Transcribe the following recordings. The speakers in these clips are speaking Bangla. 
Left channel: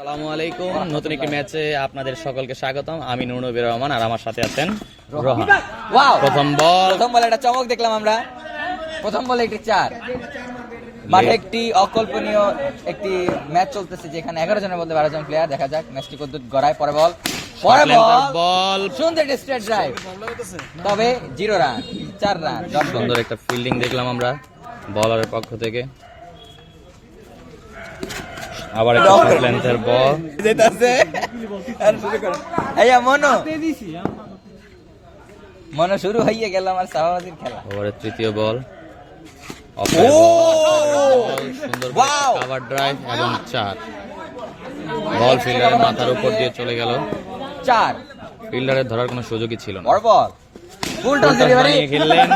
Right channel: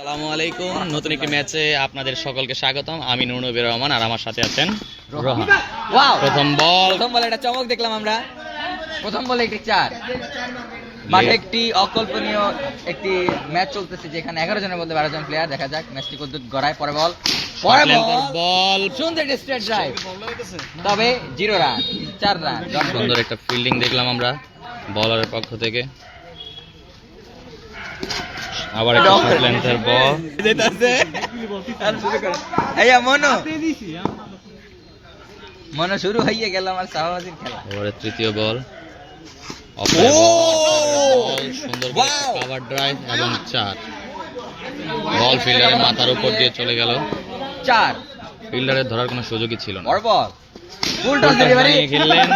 আসসালামু আলাইকুম, নতুন একটি ম্যাচে আপনাদের সকলকে স্বাগতম। আমি নুর নবীর রহমান আর আমার সাথে আছেন রোহান। প্রথম বল একটা চমক দেখলাম আমরা। প্রথম বলে একটি 4 মাঠে একটি অকল্পনীয় একটি ম্যাচ চলতেছে যেখানে 11 জনের মধ্যে 12 জন প্লেয়ার। দেখা যাক ম্যাচটি কতদূর গড়ায়। পরে বল সুন্দর একটা স্ট্রেট ড্রাইভ, তবে 0 রান, 4 রান। সুন্দর একটা ফিল্ডিং দেখলাম আমরা বলারের পক্ষ থেকে। আবার একটা শর্ট লেন্থের বল যেটাছে মনে শুরু হয়ে গেল আমার শাহবাজের খেলা। এবারে তৃতীয় বল, সুন্দর কভার ড্রাইভ এবং 4। বল ফিল্ডারের মাথার উপর দিয়ে চলে গেল। 4 ফিল্ডারের ধরার কোনো সুযোগই ছিল না। বড় বল ফুল টস ডেলিভারি খেললেন,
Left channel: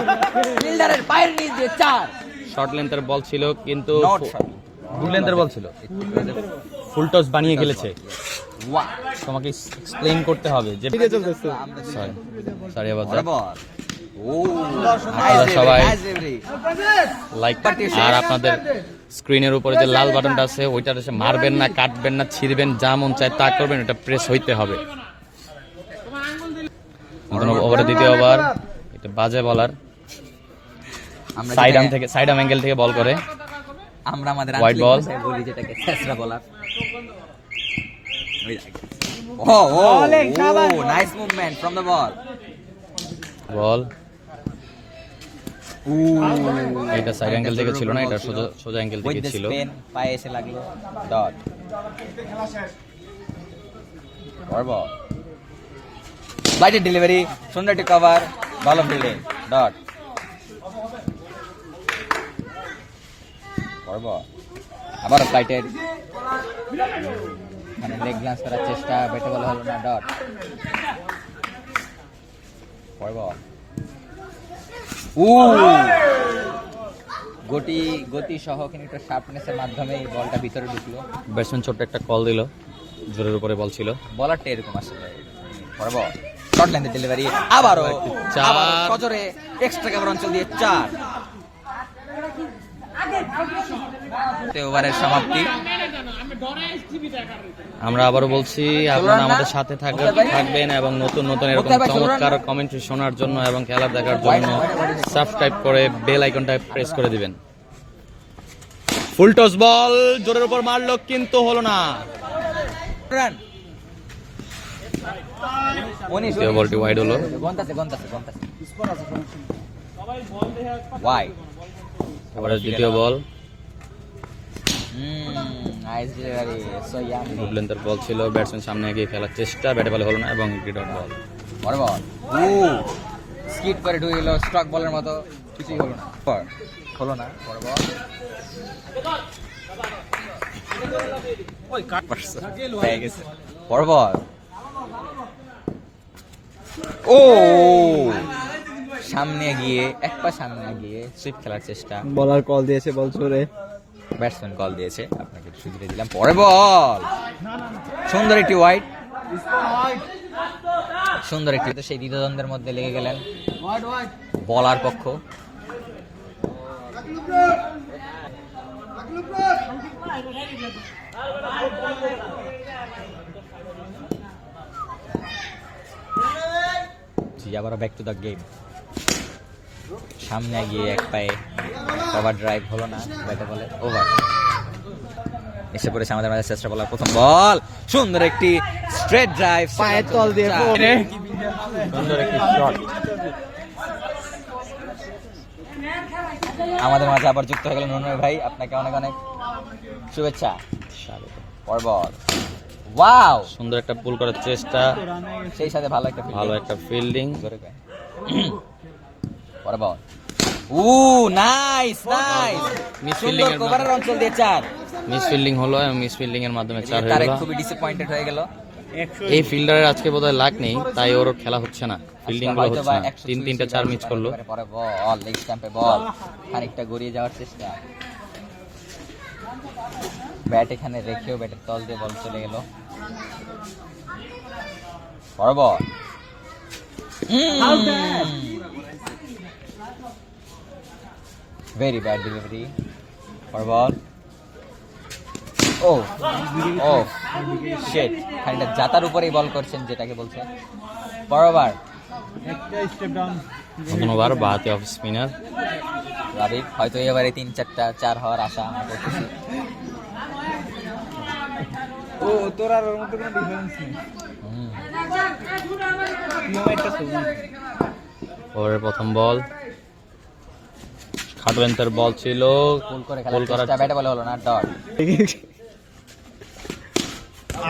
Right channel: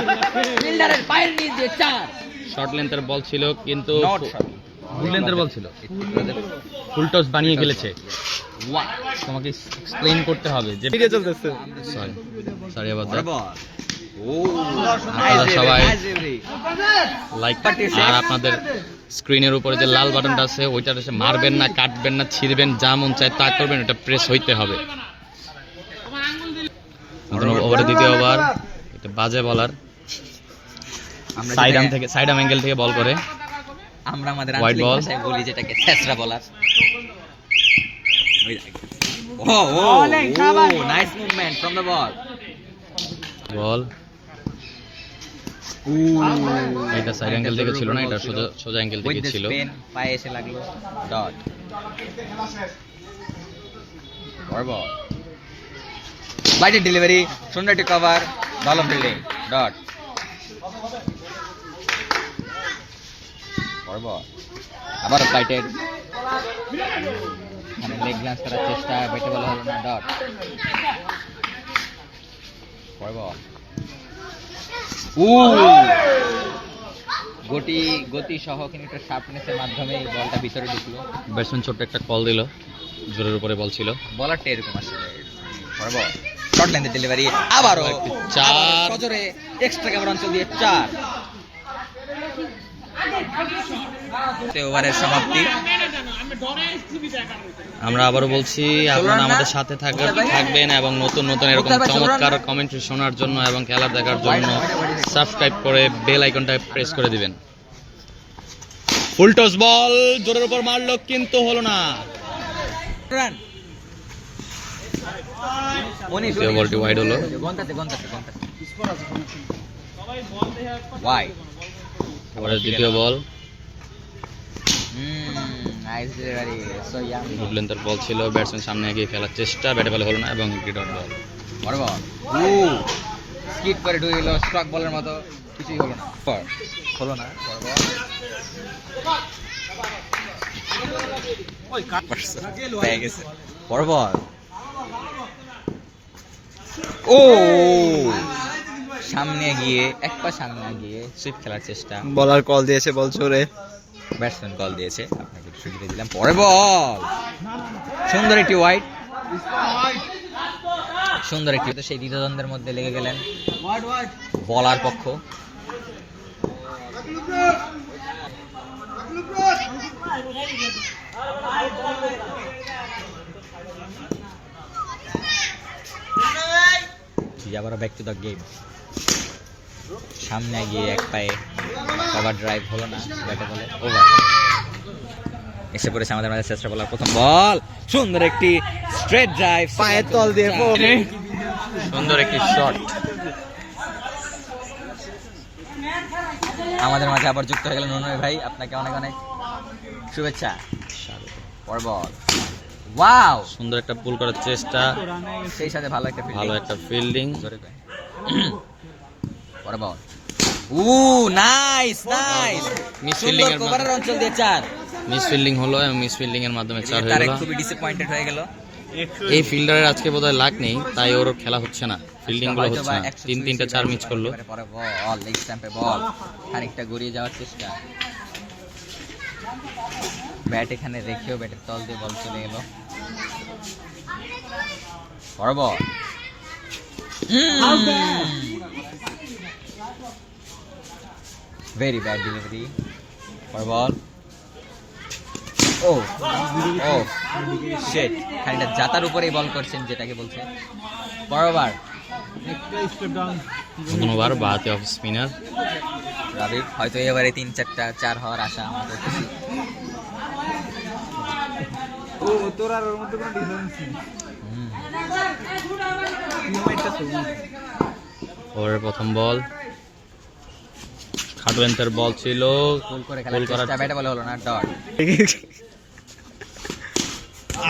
ফিল্ডারের পায়ের নিচ দিয়ে 4। শর্ট লেন্থের বল ছিল কিন্তু ফুল লেন্থের বল ছিল, ফুল টস বানিয়ে খেলেছে। তোমাকে এক্সপ্লেইন করতে হবে যে চলতেছে। সরি আবার আপনারা সবাই লাইক আর আপনাদের স্ক্রিনের উপরে যে লাল বাটনটা আছে ওইটা মারবেন না, কাটবেন না, ছিঁড়বেন, যা মন চায় তা করবেন, এটা প্রেস হইতে হবে। ওভারে দ্বিতীয় ওভার, এটা বাজে বলার সাইড আর্ম অ্যাঙ্গেল থেকে বল করে। আমরা আমাদের হোয়াইট বল বলি যেটাকে ছেসরা বলার। Nice movement from the ball. Ball এটা সাইড অ্যাঙ্গেল থেকে ছিল না, এটা সোজা অ্যাঙ্গেল থেকে ছিল। পায়ে এসে লাগলো ডট। বল বাইটের ডেলিভারি, সুন্দর একটি কভার, ভালো ফিল্ডিং, ডট। আবার বাইটের লেগ গ্লান্স করার চেষ্টা, বেটে বলা হলো না, ডট। গতি সহ কিন্তু শার্পনেসের মাধ্যমে এই বলটা ভিতরে ঢুকলো। ব্যাটসম্যান ছোট্ট একটা কল দিল, জোরের উপরে বল ছিল। বলারটা এরকম আসলে শর্ট লেন্থের ডেলিভারি, আবারও 4 সজোরে এক্সট্রা কভার অঞ্চল দিয়ে 4। ওভারের সমাপ্তি। আমরা আবারও বলছি, আপনারা আমাদের সাথে থাকবেন এবং নতুন নতুন এরকম চমৎকার কমেন্ট্রি শোনার জন্য এবং খেলা দেখার জন্য সাবস্ক্রাইব করে বেল আইকনটা প্রেস করে দিবেন। ফুল টস বল জোরের উপর মারলো কিন্তু হলো না। রান বলটি ওয়াইড হলো। ওভারের দ্বিতীয় বল, গুড লেন্থের বল ছিল। ব্যাটসম্যান সামনে এগিয়ে খেলার চেষ্টা, ব্যাটে বলে হলো না এবং ডট বল। স্কিড করে ঢুকে গেল স্ট্রক বলের মতো, কিছুই হলো না। সামনে গিয়ে এক পা সামনে গিয়ে সুইপ খেলার চেষ্টা। বলার কল দিয়েছে, বল জোরে। ব্যাটসম্যান কল দিয়েছে, আপনাকে সুবিধা দিলাম। পরে বল সুন্দর একটি ওয়াইড, সুন্দর একটি। সেই দ্বিধাদ্বন্দ্বের মধ্যে লেগে গেলেন বলার পক্ষ। আবারও ব্যাক টু দ্য গেম। সামনে গিয়ে এক পায়ে কভার ড্রাইভ হলো না, ব্যাটে বলে ওভার। এসে পড়েছে আমাদের মাঝে চেষ্টা বলার প্রথম বল, সুন্দর একটি স্ট্রেট ড্রাইভ, পায়ের তল দিয়ে সুন্দর একটি শট। আমাদের মাঝে আবার যুক্ত হয়ে গেলেন নুনয় ভাই, আপনাকে অনেক অনেক শুভেচ্ছা। পর বল, ওয়াও, সুন্দর একটা পুল করার চেষ্টা, সেই সাথে ভালো একটা ফিল্ডিং। পর বল, নাইস সুন্দর কভারের অঞ্চল দিয়ে 4। মিস ফিল্ডিং হলো এবং মিস ফিল্ডিং এর মাধ্যমে 4 হয়ে গেল। খুবই ডিসঅ্যাপয়েন্টেড হয়ে গেল। এই ফিল্ডারের আজকে বোধহয় লাক নেই, তাই ওর খেলা হচ্ছে না, ফিল্ডিং গুলো হচ্ছে না। 3-3টা 4 মিস করলো। পরে বল লেগ স্ট্যাম্পে বল, খানিকটা গড়িয়ে যাওয়ার চেষ্টা, ব্যাট এখানে রেখেও ব্যাটের তল দিয়ে বল চলে গেল। পরে বল ভেরি ব্যাড ডেলিভারি। পরে বল ও ও শিট, খানিকটা জাতার উপরেই বল করছেন যেটাকে বলছে। বরাবর নতুন ওভার বাহাতি অফ স্পিনার। রাবিব হয়তো এবারে 3-4টা 4 হওয়ার আশা আমরা করতেছি। ও তোর আর ওর মধ্যে কোনো ডিফারেন্স নেই। হুম, ওভারের প্রথম বল, খাটো লেন্থের বল ছিল, গোল করে গোল খেলার করার চেষ্টা, ব্যাটে বলে হলো না, ডট।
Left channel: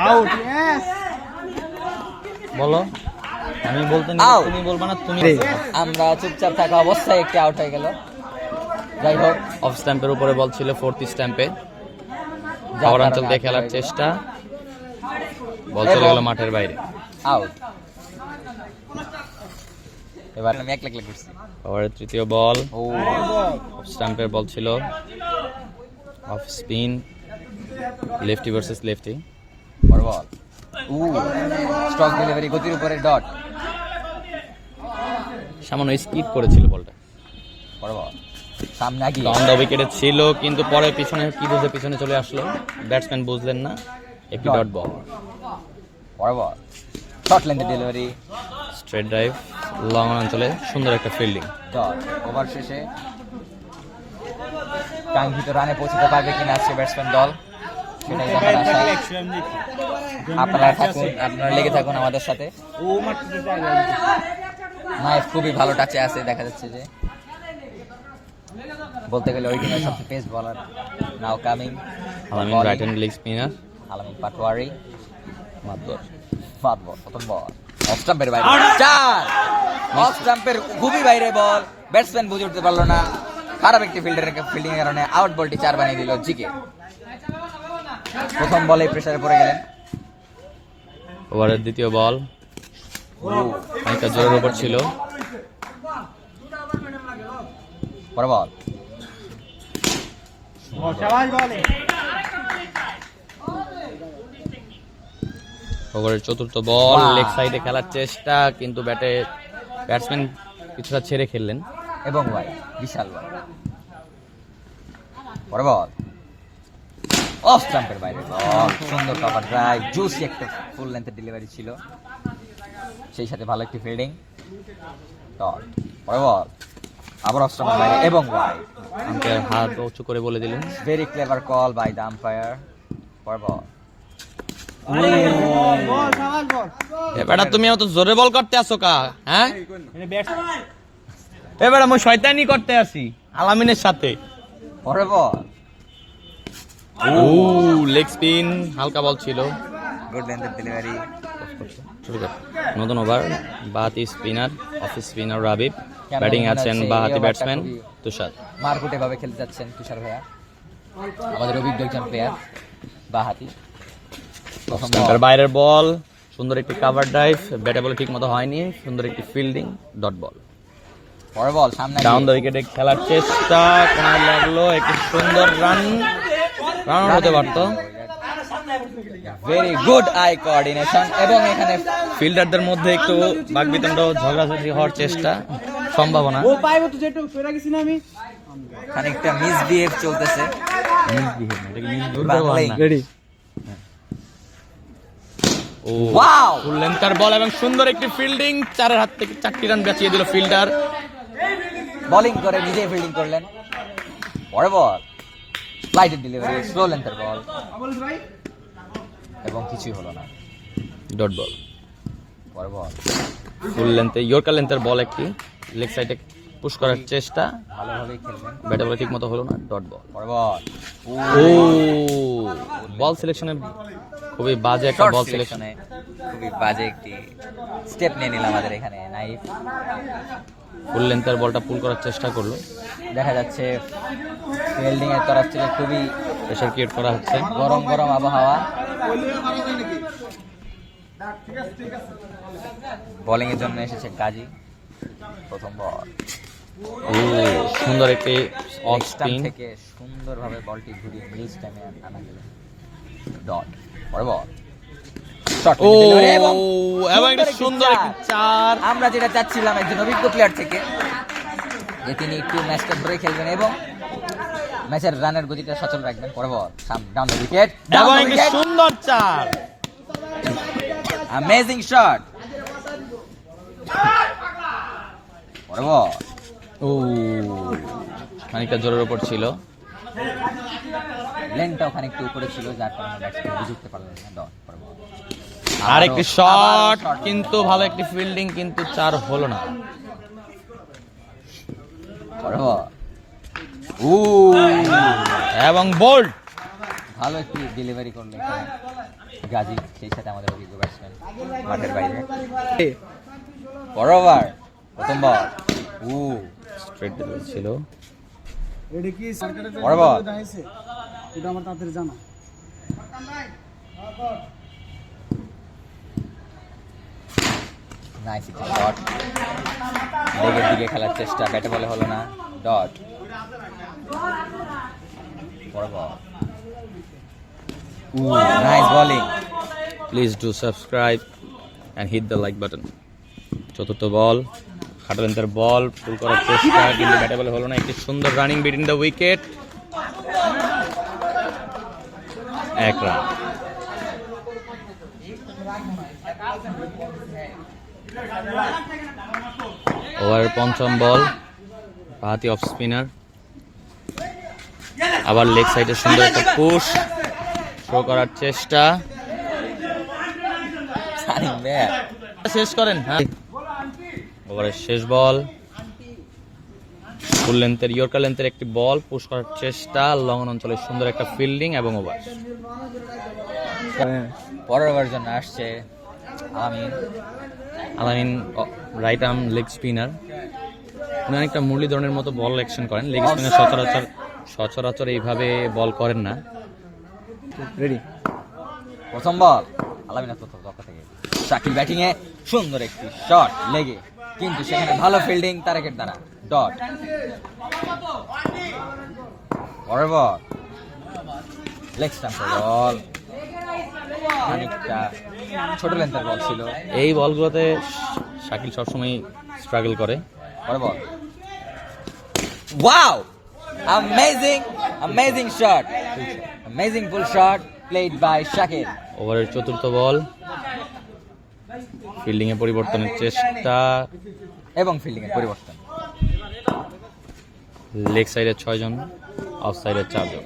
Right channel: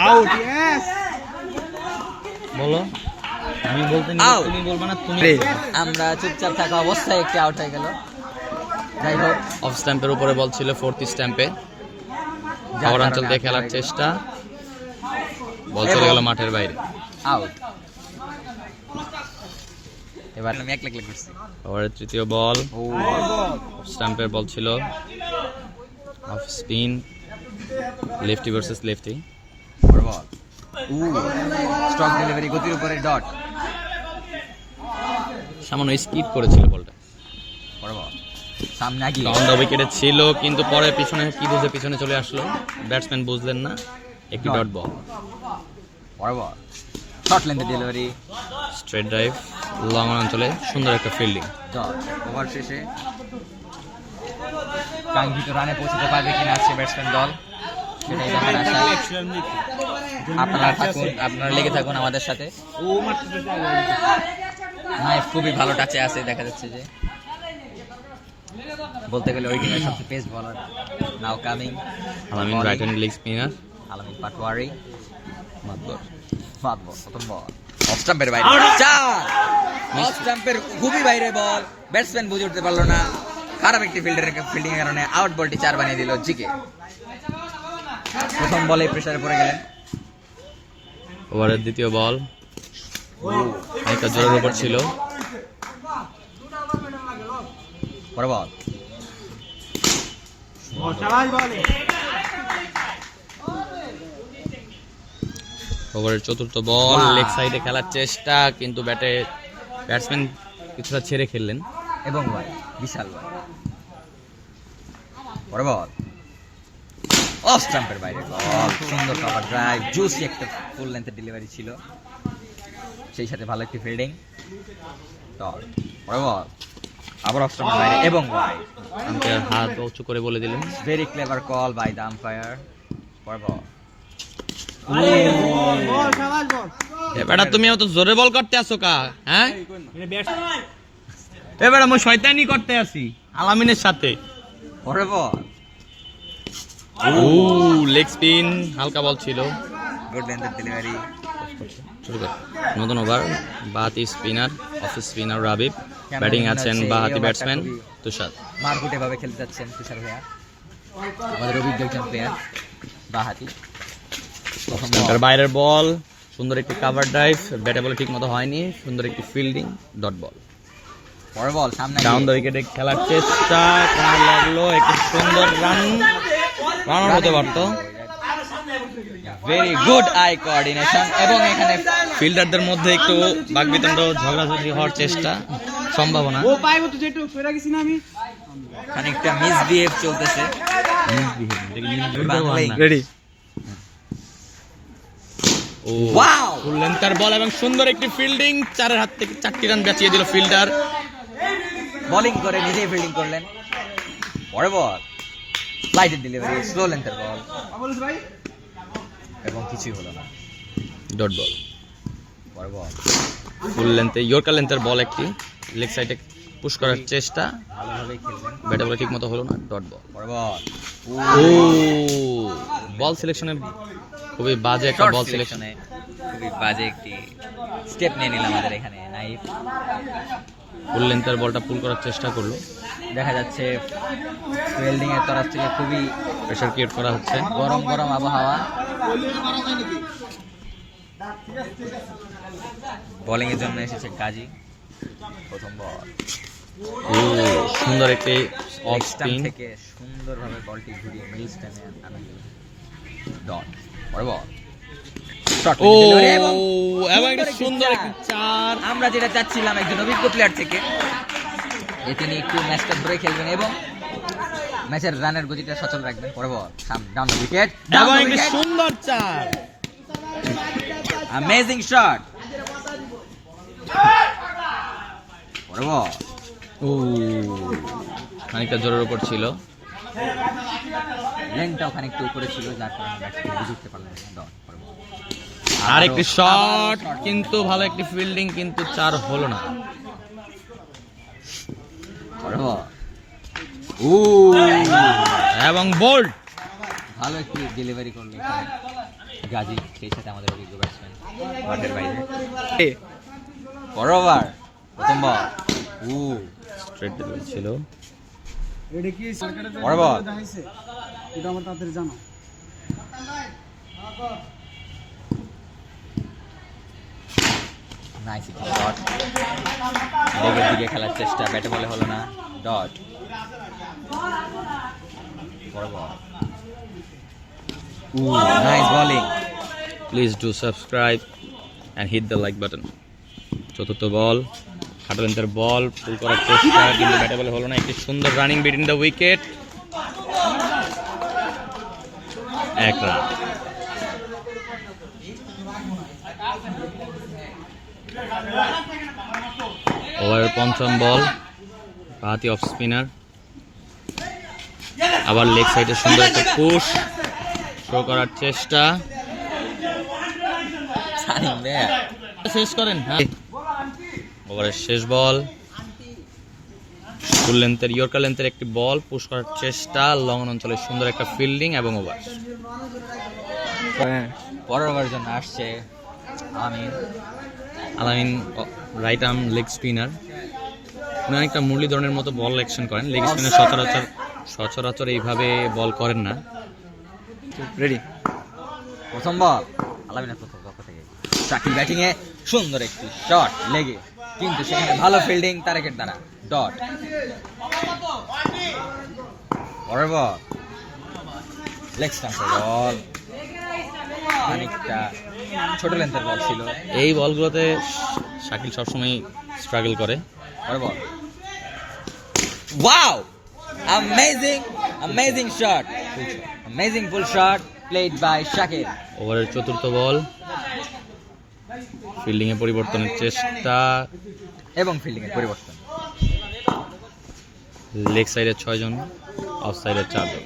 Out yes. বলো, আমি বলতে নিলে Out. তুমি বলবে না, তুমি আমরা চুপচাপ থাকা অবস্থায় একটি আউট হয়ে গেল। যাই হোক, অফ স্ট্যাম্পের উপরে বল ছিল, ফোর্থ স্ট্যাম্পে যার শহর অঞ্চল কারণে দিয়ে out খেলার হয়ে গেল। চেষ্টা, বল চলে গেল মাঠের বাইরে। আউট। এবার আমি এক লাখ করছি। ওভারের তৃতীয় বল, ও স্ট্যাম্পের বল ছিল, off spin, lefty versus lefty. বড় বল, ও স্ট্রক ডেলিভারি, গতির উপরে ডট। সামান্য স্কিপ করেছিল বলটা, বড় বল, সামনে আগিয়ে রাউন্ড উইকেটে ছিল, কিন্তু পরে পিছনে কি বুঝে পিছনে চলে আসলো, ব্যাটসম্যান বুঝলেন না, একটি ডট বল। বড় বল, শর্ট লেন্থে ডেলিভারি, স্ট্রেট ড্রাইভ, লং অঞ্চলে সুন্দর একটা ফিল্ডিং। ডট। ওভার শেষে কাঙ্ক্ষিত রানে পৌঁছতে পারবে কিনা আজকে ব্যাটসম্যান দল, সেটাই দেখার আশা। আপনারা থাকুন, আপনারা লেগে থাকুন আমাদের সাথে। ও মারতে চাই। নাইফ খুবই ভালো টাচে আছে, দেখা যাচ্ছে যে বলতে গেলে ওই টিমের সবচেয়ে পেস বলার। নাও কামিং আলামিন রাইট হ্যান্ড লেগ স্পিনার। আলামিন পাটোয়ারি, মাতবর প্রথম বল অফ স্টাম্পের বাইরে, চার। অফ স্টাম্পের খুবই বাইরে বল, ব্যাটসম্যান বুঝে উঠতে পারলো না, খারাপ একটি ফিল্ডিং এর কারণে আউট বলটি 4 বানিয়ে দিল জিকে। প্রথম বলে প্রেসারে পড়ে গেলেন। ওভারের দ্বিতীয় বল, অনেকটা জোরের ওভার ছিল, পরে বল, ও চালাই বলে। ওভারের চতুর্থ বল, Wow. লেগ সাইডে খেলার চেষ্টা, কিন্তু ব্যাটসম্যান কিছুটা ছেড়ে খেললেন। এবং বল বিশাল বল, পরে বল অফ স্টাম্পের বাইরে বল, সুন্দর কভার ড্রাইভ, জুসি একটা ফুল লেন্থের ডেলিভারি ছিল, সেই সাথে ভালো একটি ফিল্ডিং, ডট। পরে বল আবার অফ স্টাম্পের বাইরে এবং ওয়াইড। আম্পায়ার হাত উঁচু করে বলে দিলেন। Very clever call by the umpire. পরে বল, বল চালাই বল। এবারে তুমি অত জোরে বল করতে আসো কা, হ্যাঁ? মানে ব্যাট এবারে আমি শয়তানি করতে আসি আলামিনের সাথে। পরে বল, ও লেগ স্পিন, হালকা বল ছিল। গুড লেন্থের ডেলিভারি, শুরু কর। নতুন ওভার, বাহাতি spinner, off spinner Rabib, batting আছেন বাহাতি ব্যাটসম্যান তুষার। মারকুটে ভাবে খেলতে যাচ্ছেন তুষার ভাইয়া, আমাদের অভিজ্ঞ একজন প্লেয়ার, বাহাতি। প্রথম বল, স্ট্যাম্পের বাইরের বল, সুন্দর একটি কাভার ড্রাইভ, ব্যাটে বলে ঠিক মতো হয়নি, সুন্দর একটি ফিল্ডিং, ডট বল। পরে বল সামনে ডাউন দ্য উইকেটে খেলার চেষ্টা, কেমন লাগলো, একটি সুন্দর রান হতে পারতো। ভেরি গুড আই কোঅর্ডিনেশন, এবং এখানে ফিল্ডারদের মধ্যে একটু বাকবিতণ্ড, ঝগড়াঝাটি হওয়ার চেষ্টা, সম্ভাবনা। ও পাইবো তো যেটু কইরা গেছি না আমি। খানিকটা মিসবিহেভ চলতেছে। রেডি। ও ওয়াও, ফুল লেন্থের বল এবং সুন্দর একটি ফিল্ডিং, চারের হাত থেকে 4টি রান বাঁচিয়ে দিল ফিল্ডার। বোলিং করে নিজেই ফিল্ডিং করলেন। পরে বল ফ্লাইটের ডেলিভারি, স্লো লেন্থের বল, এবং কিছুই হলো না। Dot ball. পরে বল ফুল লেন্থে ইয়র্কার লেন্থের বল, একটি লেগ সাইডে পুশ করার চেষ্টা, ভালোভাবেই খেললেন। ব্যাটে বলে ঠিক মতো হলো না, ডট বল। পরে বল ও বল সিলেকশনে খুবই বাজে একটা শর্ট বল সিলেকশন। সিলেকশনে খুবই বাজে একটি স্টেপ নিয়ে নিলাম আমাদের এখানে নাইফ। ফুল লেন্থের বলটা পুল করার চেষ্টা করলো, দেখা যাচ্ছে ফিল্ডিং এর তরফ থেকে খুবই প্রেশার ক্রিয়েট করা হচ্ছে। গরম গরম আবহাওয়া। বোলিং এর জন্য এসেছে কাজী। প্রথম বল ও সুন্দর একটি অফ স্টাম্প স্পিন, থেকে সুন্দরভাবে বলটি ঘুরিয়ে মিল স্টামে আনা গেল, ডট। পরে বল শর্ট ও ডেলিভারি এবং এবং একটি একটি সুন্দর চার। একটি চার। আমরা যেটা চাচ্ছিলাম একজন অভিজ্ঞ প্লেয়ার থেকে, যে তিনি একটু ম্যাচটা ধরে খেলবেন এবং ম্যাচের রানের গতিটা সচল রাখবেন। পরে বল ডাউন দ্য উইকেট, এবং একটি সুন্দর চার। Amazing shot. পরে বল ও খানিকটা জোরের উপর ছিল। লেনটাও খানিকটা উপরে ছিল, যার কারণে ব্যাটসম্যান বুঝে উঠতে পারলেন না। দাও পরে বল। আরেকটি শট, কিন্তু ভালো একটি ফিল্ডিং, কিন্তু চার হলো না। পরে বল। ও এবং বোল্ড। ভালো একটি ডেলিভারি করলো এখানে গাজী, সেই সাথে আমাদের অভিজ্ঞ ব্যাটসম্যান মাঠের বাইরে। বরাবর প্রথম বল। ও স্ট্রেট ডেলিভারি ছিল। এটা কি সরকারের বড় বল। দেখাইছে? এটা আমার তাড়াতাড়ি জানা। Nice shot. লেগের দিকে খেলার চেষ্টা, ব্যাটে বলে হলো না। ডট। বড় ball. Nice bowling. Please do subscribe and hit the like button. চতুর্থ বল, খাটলেন্থের বল, ফুল করার চেষ্টা, কিন্তু ব্যাটে বলে হলো না। একটি সুন্দর রানিং বিটুইন দ্য উইকেট, এক রান। ওভারের পঞ্চম বল, বাহাতি অফ স্পিনার, আবার লেগ সাইডে সুন্দর একটা পুশ, থ্রো করার চেষ্টা, শেষ করেন। হ্যাঁ, ওভারের শেষ বল, ফুল লেন্থের ইয়র্কার লেন্থের একটি বল, পুশ করার চেষ্টা, লং অঞ্চলে সুন্দর একটা ফিল্ডিং এবং ওভার। পরের ওভার জন্য আসছে আলামিন, রাইট আর্ম লেগ স্পিনার। উনি অনেকটা মুরলীধরনের মতো বল অ্যাকশন করেন। লেগ স্পিনার সচরাচর এইভাবে বল করেন না। রেডি। প্রথম বল আলামিনের প্রথম পক্ষ থেকে শাকিল ব্যাটিং এ সুন্দর একটি শট লেগে, কিন্তু সেখানে ভালো ফিল্ডিং তারেকের দ্বারা। ডট। পরের বল লেগ স্টাম্পের বল, অনেকটা ছোট লেন্থের বল ছিল। এই বলগুলোতে শাকিল সবসময় স্ট্রাগল করে। পরের ball. Wow, amazing shot, amazing full shot played by Shakil. ওভারের চতুর্থ বল, ফিল্ডিং এ পরিবর্তনের চেষ্টা এবং ফিল্ডিং এর পরিবর্তন। লেগ সাইডে 6 জন, অফ সাইডে 4 জন।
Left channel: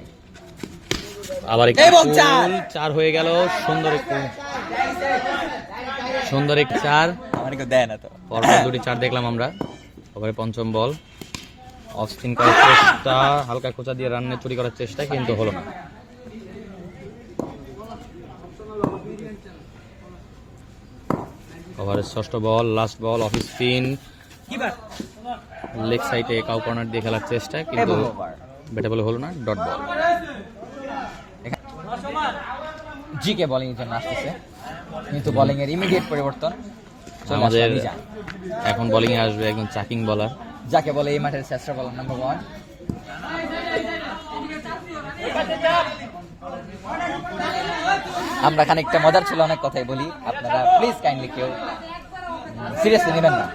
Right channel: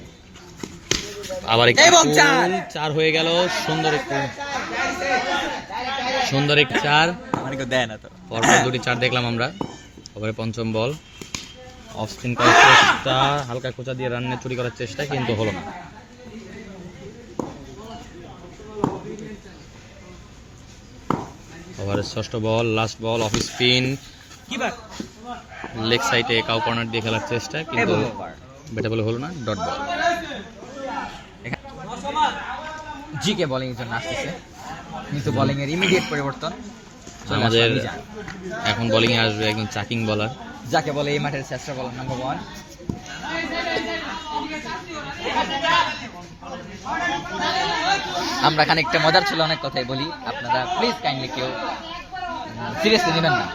আবার একটি এবং চার হয়ে গেল। সুন্দর একটি চার। মানে কেউ দেয় না তো। পরপর দুটি চার দেখলাম আমরা। ওভারে পঞ্চম বল, অফ স্পিন করার চেষ্টা, হালকা খোঁচা দিয়ে রান চুরি করার চেষ্টা, কিন্তু হলো না। ওভারের ষষ্ঠ ball, last ball, off spin, leg সাইডে কাউ কর্নার দিয়ে খেলার চেষ্টা, কিন্তু ব্যাটে বলে হলো না। Dot ball. জিকে বোলিং এর জন্য আসতেছে, কিন্তু বোলিং এর ইমিডিয়েট পরিবর্তন। আমাদের এখন বোলিং এ আসবে একজন চাকিং বলার, যাকে বলে এই মাঠের শ্রেষ্ঠ বলার নাম্বার 1। আমরা খানিকটা মজার ছিল, অনেক কথাই বলি, আপনারা প্লিজ কাইন্ডলি কেউ সিরিয়াসলি নেবেন না।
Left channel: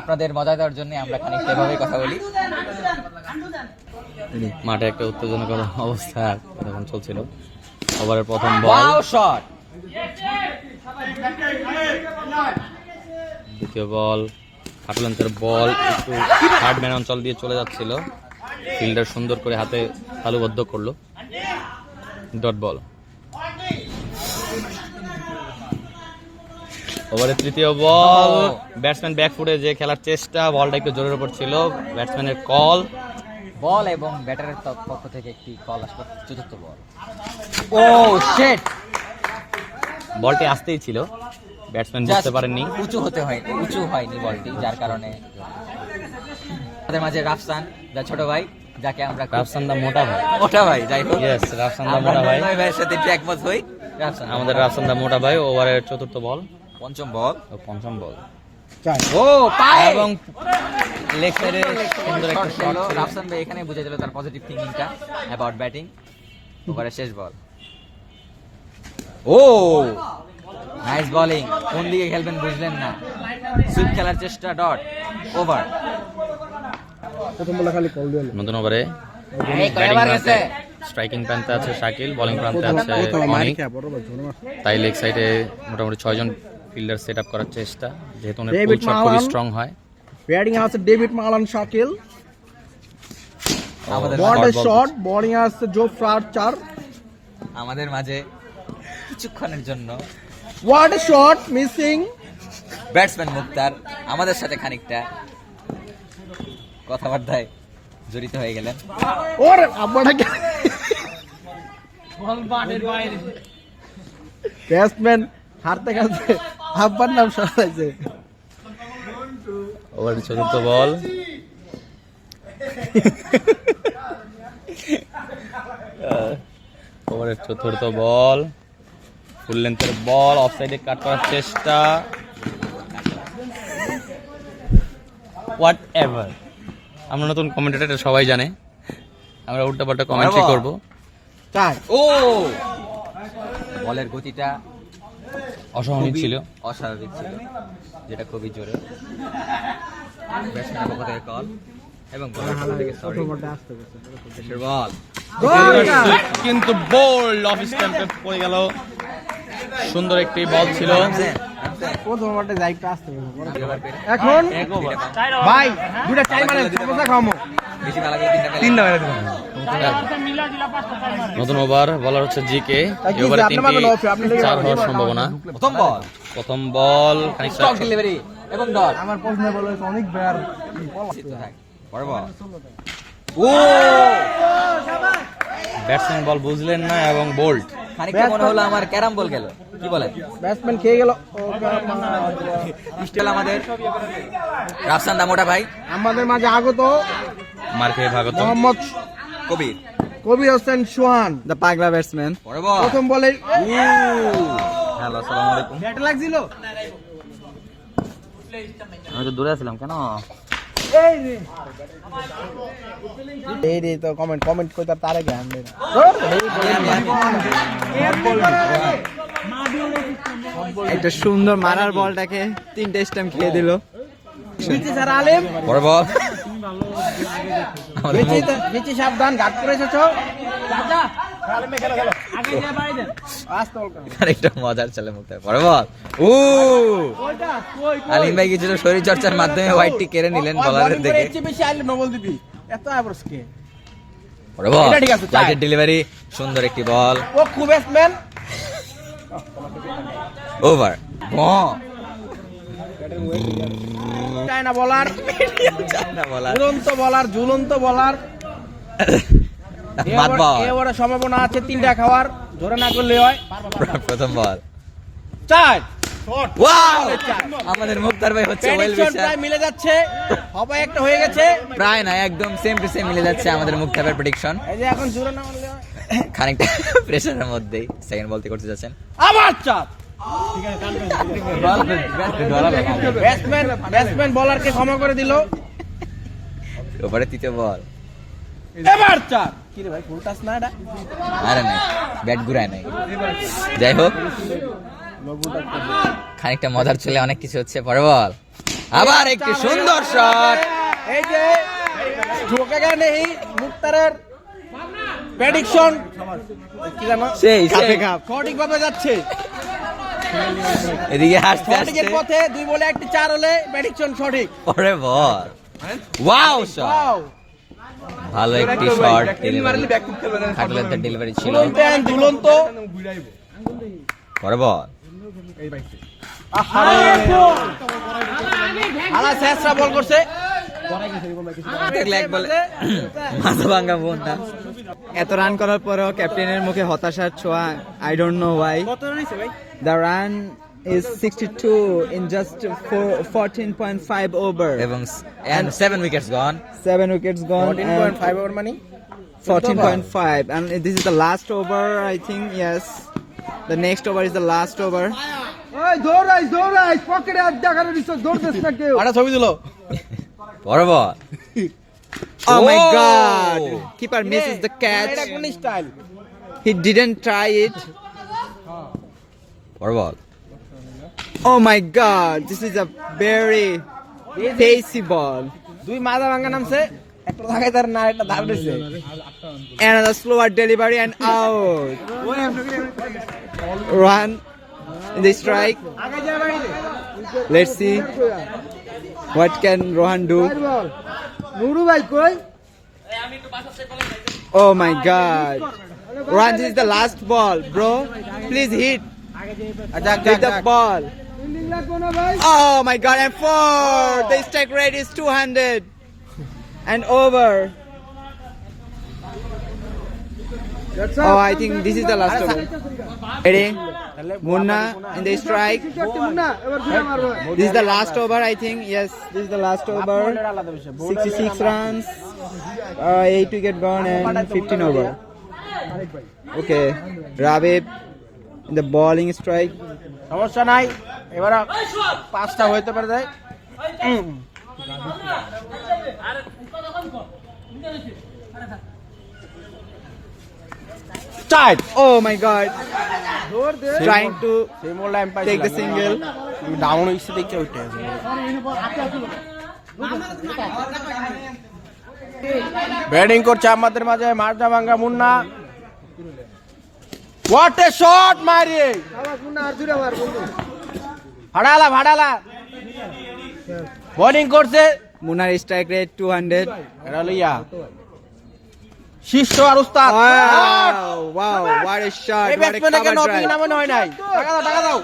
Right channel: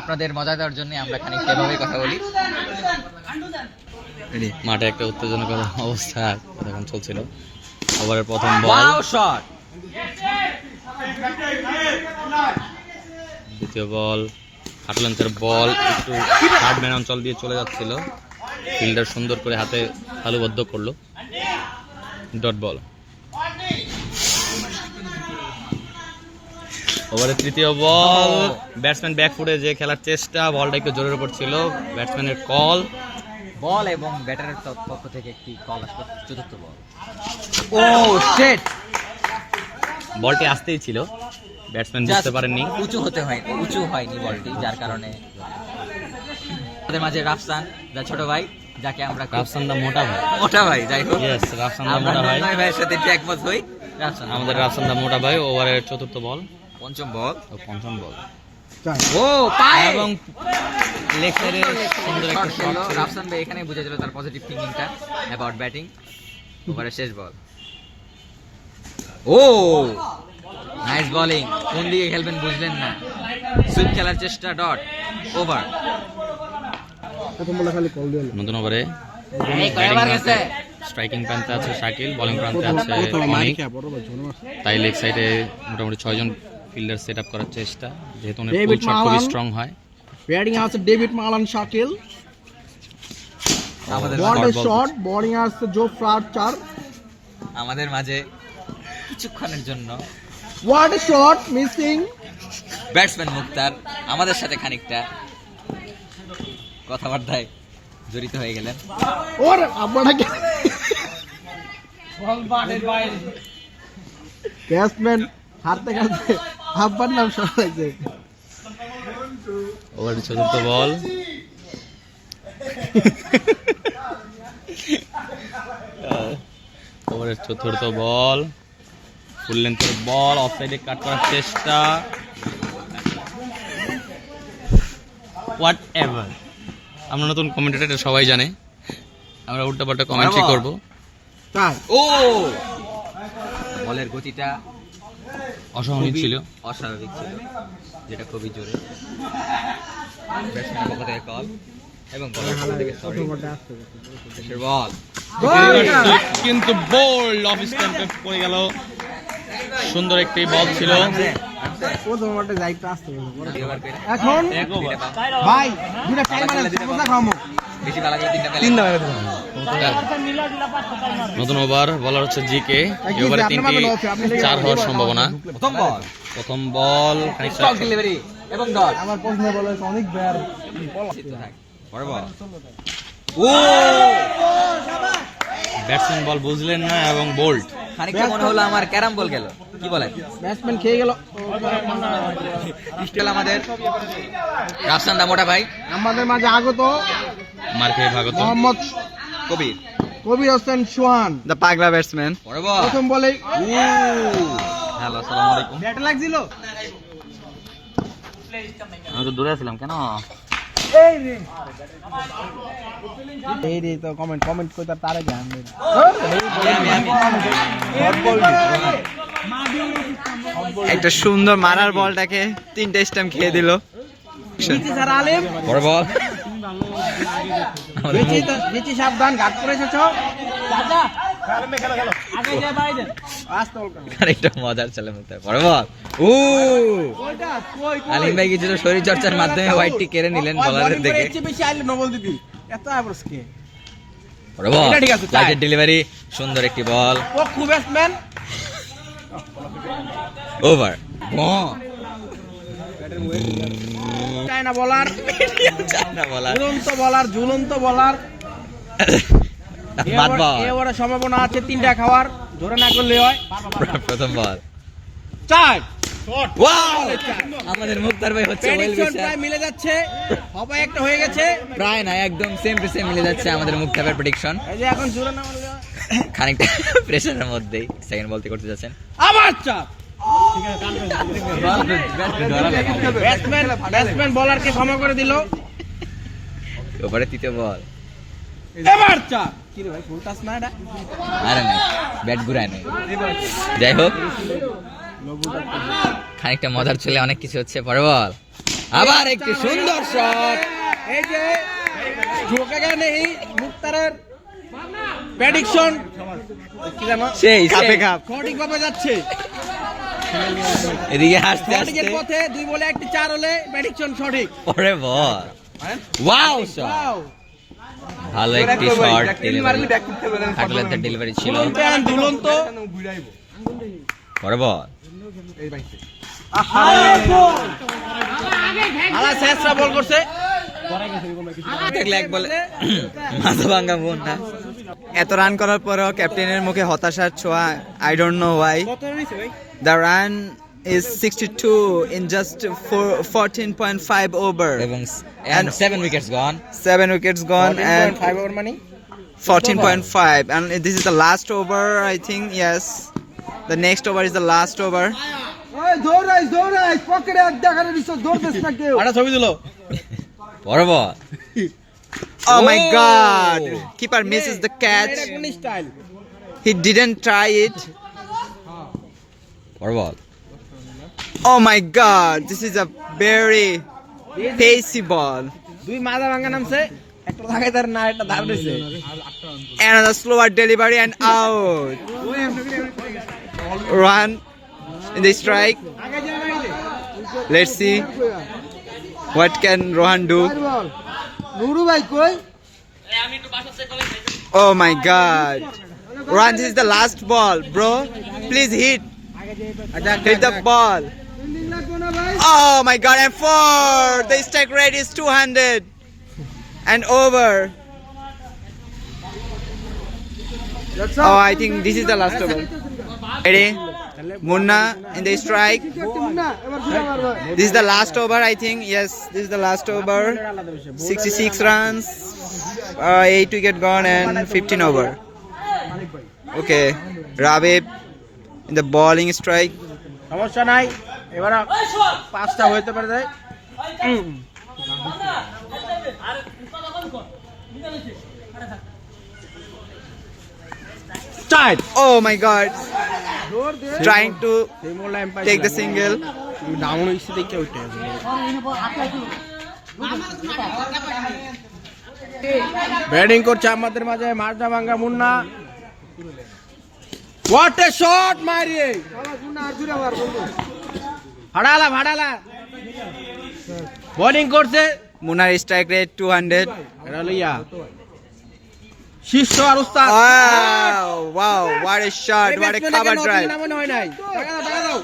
আপনাদের মজা দেওয়ার জন্য আমরা খানিকটা এভাবেই কথা বলি। মাঠে একটা উত্তেজনাকর অবস্থা তখন চলছিল। ওভারের প্রথম বল, শট। দ্বিতীয় বল, খাটলেন্থের বল, একটু হার্ড ম্যান অঞ্চল দিয়ে চলে যাচ্ছিল, ফিল্ডার সুন্দর করে হাতে তালুবদ্ধ করলো। Dot ball. ওভারের তৃতীয় বল, ব্যাটসম্যান ব্যাকফুটে যে খেলার চেষ্টা, বলটা একটু জোরের উপর ছিল, ব্যাটসম্যানের কল, বল এবং ব্যাটারের পক্ষ থেকে একটি কল আসবে। চতুর্থ বল। ও শিট, বলটি আসতেই ছিল, ব্যাটসম্যান বুঝতে পারেননি। উঁচু হয়নি বলটি, যার কারণে আমাদের মাঝে রাফসান দা ছোট ভাই, যাকে আমরা রাফসান দা মোটা ভাই, যাই হোক, ইয়েস, রাফসান দা মোটা ভাই, ভাইয়ের সাথে একমত হই। রাফসান আমাদের রাফসান দা মোটা ভাই। ওভারের চতুর্থ বল, পঞ্চম বল ও পঞ্চম বল, ও পায়, এবং লেগ সাইডে সুন্দর একটা শট ছিল। রাফসান ভাই এখানে বুঝে গেল তার পজিটিভ থিঙ্কিংটা অ্যাবাউট ব্যাটিং। ওভারের শেষ বল। ও নাইস বোলিং, কোন দিকে খেলবেন বুঝলেন না, সুইপ খেলার চেষ্টা। ডট। ওভার। প্রথম বলে খালি কল দিল। নতুন ওভারে স্ট্রাইকিং প্রান্তে আছে শাকিল, বোলিং প্রান্তে আছে অনিক। তাই লেগ সাইডে মোটামুটি 6 জন ফিল্ডার সেট আপ করার চেষ্টা, যেহেতু ওনার পুল শট খুবই স্ট্রং হয়। ব্যাটিং আছে ডেভিড মালান শাকিল, বলের শট, বোলিং আছে জোফ্রা আর্চার। আমাদের মাঝে কিছুক্ষণের জন্য what a shot missing. Batsman Mukhtar আমাদের সাথে খানিকটা কথাবার্তায় জড়িত হয়ে গেলেন। ওর আব্বাটাকে ব্যাটসম্যান হারতে খেলতে আব্বার নাম সরাইছে। ওভারের চতুর্থ বল, ওভারের চতুর্থ বল, ফুল লেন্থের বল, অফ সাইডে কাট করার চেষ্টা। হোয়াট এভার, আমরা নতুন কমেন্টেটর সবাই জানে, আমরা উল্টা পাল্টা কমেন্ট্রি করব। তাই ও বলের গতিটা অস্বাভাবিক ছিল, অস্বাভাবিক ছিল, যেটা খুবই জোরে। ব্যাটসম্যানের পক্ষ থেকে কল এবং বলার পক্ষ থেকে সরি। বল কিন্তু বোল্ড অফ স্ট্যাম্পে পড়ে গেল। সুন্দর একটি বল ছিল। প্রথম ওটা যাইতে আসতে হবে এখন ভাই দুটা টাইম মানে সমস্যা খামো বেশি ভালো করে তিনটা মেলে নতুন ওভার, বলার হচ্ছে জিকে। এই ওভারে 3টি 4 হওয়ার সম্ভাবনা। প্রথম বল খানিকটা ডেলিভারি এবং ডট। আমার প্রশ্ন বলে অনেক বার বড় বল। ও ব্যাটসম্যান বল বুঝলেন না এবং বোল্ড। খানিকটা মনে হলো আমার ক্যারাম বল গেল, কি বলেন? ব্যাটসম্যান খেয়ে গেল। স্টিল আমাদের রাফসান দামোটা ভাই, আমাদের মাঝে আগত মার খেয়ে ভাগত মোহাম্মদ কবির, কবির হোসেন সোহান, দ্য পাগলা ব্যাটসম্যান। বড় বল। প্রথম বলে হ্যালো, আসসালামু আলাইকুম। ব্যাট লাগছিল। আমি তো দূরে ছিলাম কেন? এই রে তো কমেন্ট করতে তার আগে আনবে। একটা সুন্দর মারার বলটাকে 3টা স্টাম্প খেয়ে দিল। স্যার আলেম বড় বল। নিচে সাবধান, ঘাট করে এসেছো। খানিকটা মজার ছেলে মতো। বড় বল। ও আলিম ভাই কিছুটা শরীর চর্চার মাধ্যমে হোয়াইটটি কেড়ে নিলেন বলারের দেখে। বেশি আইলে নবল দিবি এত আবরসকে। বড় বল, এটা ঠিক আছে, চাই। লাইটের ডেলিভারি, সুন্দর একটি বল। ও খুব ব্যাটসম্যান ওভার। চায়না বলার, চান্না বলার, ঝুলন্ত বলার। বাদ বল। এবারে সম্ভাবনা আছে 3টা খাওয়ার, ধরে না করলে হয়। প্রথম বল। 4 ওয়াও! আমাদের মুক্তার ভাই হচ্ছে ওয়েল প্রেডিকশন উইশার। প্রায় মিলে যাচ্ছে, হবে একটা হয়ে গেছে। প্রায় না, একদম সেম টু সেম মিলে যাচ্ছে আমাদের মুক্তার ভাইয়ের প্রেডিকশন। এই যে এখন জোরে না করলে হয়। খানিকটা প্রেসারের মধ্যেই সেকেন্ড বলতে করতে যাচ্ছেন। আবার চাপ। ব্যাটসম্যান বলারকে ক্ষমা করে দিল। ওভারে তৃতীয় বল। এবার চাপ। কি রে ভাই, ফুল টাচ না এটা? আরে না, ব্যাট ঘুরায় নাই। যাই হোক, খানিকটা মজার চলে, অনেক কিছু হচ্ছে। পরে বল, আবার একটি সুন্দর শট। এই যে ঢোকেগা নেই মুক্তারের প্রেডিকশন কি জানো, সেই কাপে কাপ। সঠিকভাবে যাচ্ছে। এদিকে হাসতে সঠিকের হাসতে পথে 2 বলে 1টি 4 হলে প্রেডিকশন সঠিক। পরে বল। ওয়াও শট, ওয়াও, ভালো একটি শট। খাটলের ডেলিভারি ছিল। ঝুলন্ত। পরে বল। আলা শেষরা বল করছে। দেখলে এক বলে মাথা ভাঙা বোন না। এত রান করার পরেও ক্যাপ্টেনের মুখে হতাশার ছোঁয়া। I don't know Y. কত রান হইছে ভাই? The run is 62 in just 14.5 over এবং 7 wickets gone. 7 wickets gone and 14.5 over মানে 14.5 and this is the last over, I think. Yes, the next over is the last over. ওই দৌড়াইস পকেটে আড্ডা করে দিছ, দৌড়তেছ না কেউ। আটা ছবি দিলো। পরে বল। Oh my Oh! god, keeper misses the catch. এটা কোন style? He didn't try it. পরে বল। Oh my god, this is a very pacey ball. 2 মাজা ভাঙা নামছে, একটা লাগাইতার না এটা দাম দিছে Another slower delivery and out. Run in the strike. Let's see what can Rohan do. Nuru ভাই কই Oh my God. Rohan, this is the last ball, bro. Please hit. Hit the ball. Fielding লাগবে না ভাই Oh my God, and 4. The strike rate is 200 and over. Oh, I think this is the last over. Ready? Munna in the strike. না এবার ঘুরে মারবা This is the last over, I think. Yes, this is the last over. 66 runs, 8 wicket gone, and 15 over. Okay, Rabib in the bowling strike. সমস্যা নাই এবারে 5টা হইতে পারে যায় চাই Oh my God, trying to সেই মোর লাইন পাই take the single. ডাউন হইছে দেখে উঠে ব্যাটিং করছে আমাদের মাঝে মারদা ভাঙ্গা মুন্না হোয়াট এ শট মারিয়ে ভাড়ালা বোলিং করছে Munnar strike rate 200. এটা লইয়া শীর্ষ আর উস্তাদ Wow, what a shot, এই what a ব্যাটসম্যানকে cover নতুন drive. নামানো হয় নাই টাকা দাও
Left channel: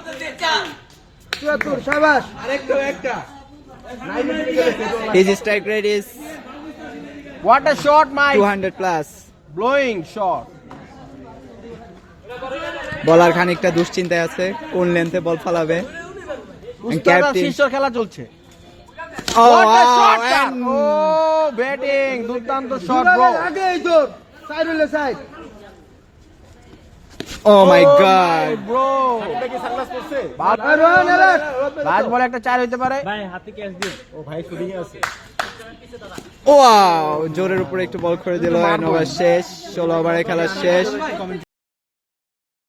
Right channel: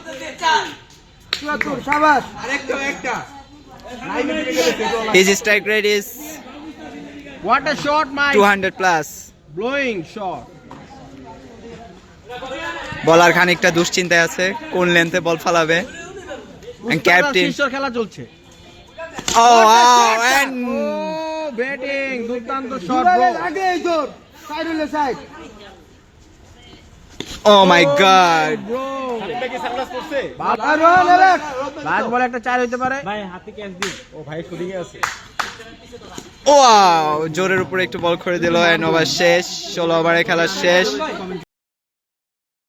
74 শাবাশ His strike rate is what a shot my 200 plus. Blowing shot বলার খানিকটা দুশ্চিন্তায় আছে কোন লেন্থে বল ফালাবে and captain. শীর্ষ খেলা চলছে Oh, What a wow, shot, sir! and Oh, batting দুর্দান্ত শট ব্রো আগে এই জোর সাইড হইলে side oh my God. Bro আর রোহন এলে লাস্ট বলে একটা 4 হইতে পারে Wow, জোরের উপরে একটু বল করে দিল and ওভার শেষ 16 ওভারে খেলা শেষ